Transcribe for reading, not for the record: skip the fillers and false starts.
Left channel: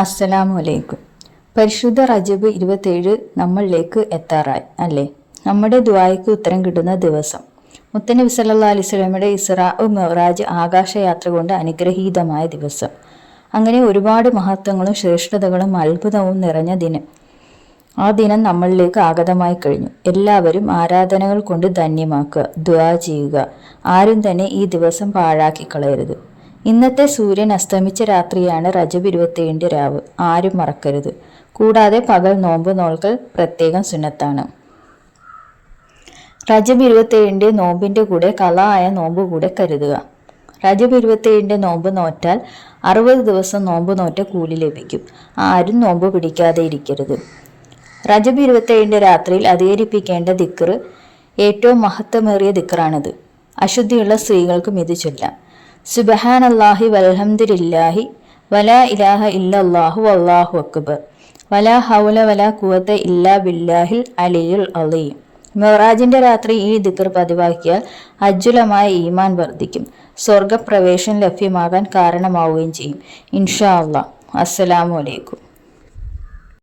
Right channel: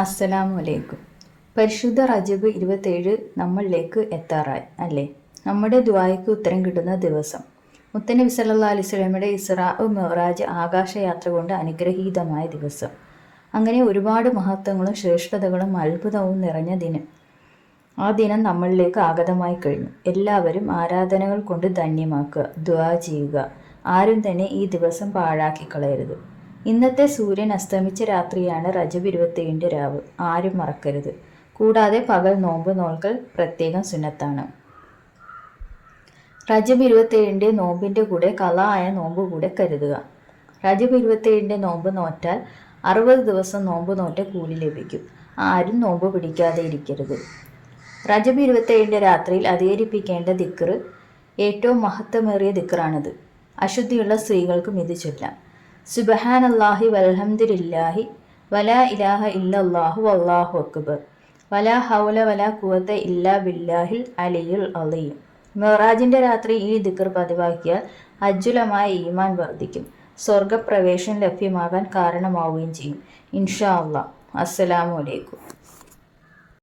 അസ്സലാമു അലൈക്കും. പരിശുദ്ധ റജബ് 27 നമ്മളിലേക്ക് എത്താറായി അല്ലേ? നമ്മുടെ ദുആയ്ക്ക് ഉത്തരം കിട്ടുന്ന ദിവസം. മുത്തനബി സല്ലല്ലാഹു അലൈഹി വസല്ലമയുടെ ഇസ്രാ മിഅ്റാജ് ആകാശയാത്ര കൊണ്ട് അനുഗ്രഹീതമായ ദിവസം. അങ്ങനെ ഒരുപാട് മഹത്വങ്ങളും ശ്രേഷ്ഠതകളും അത്ഭുതവും നിറഞ്ഞ ദിനം. ആ ദിനം നമ്മളിലേക്ക് ആഗതമായി കഴിഞ്ഞു. എല്ലാവരും ആരാധനകൾ കൊണ്ട് ധന്യമാക്കുക, ദുആ ചെയ്യുക. ആരും തന്നെ ഈ ദിവസം പാഴാക്കി കളയരുത്. ഇന്നത്തെ സൂര്യൻ അസ്തമിച്ച രാത്രിയാണ് റജബ് 27 രാവ്. ആരും മറക്കരുത്. കൂടാതെ പകൽ നോമ്പ് നോൽക്കൽ പ്രത്യേകം സുന്നത്താണ്. റജബ് 27 നോമ്പിന്റെ കൂടെ ഖളാ ആയ നോമ്പ് കൂടെ കരുതുക. റജബ് 27 നോമ്പ് നോറ്റാൽ 60 ദിവസം നോമ്പ് നോറ്റ കൂലി ലഭിക്കും. ആരും നോമ്പ് പിടിക്കാതെ ഇരിക്കരുത്. റജബ് 27 രാത്രിയിൽ അധികരിപ്പിക്കേണ്ട ദിക്ർ ഏറ്റവും മഹത്വമേറിയ ദിക്റാണിത്. അശുദ്ധിയുള്ള സ്ത്രീകൾക്കും ഇത് ചൊല്ലാം. സുബ്ഹാനല്ലാഹി വൽഹംദുലില്ലാഹി വലാ ഇലാഹ ഇല്ലല്ലാഹു വല്ലാഹു അക്ബർ വലാ ഹൗല വലാ ഖുവത ഇല്ലാ ബില്ലാഹിൽ അലിയുൽ അളീം. മിഅ്റാജിന്റെ രാത്രി ഈ ദിക്ർ പതിവാക്കിയാൽ അജ്വലമായ ഈമാൻ വർദ്ധിക്കും. സ്വർഗപ്രവേശനം ലഭ്യമാകാൻ കാരണമാവുകയും ചെയ്യും. ഇൻഷാ അല്ലാഹ്. അസ്സലാമു അലൈക്കും.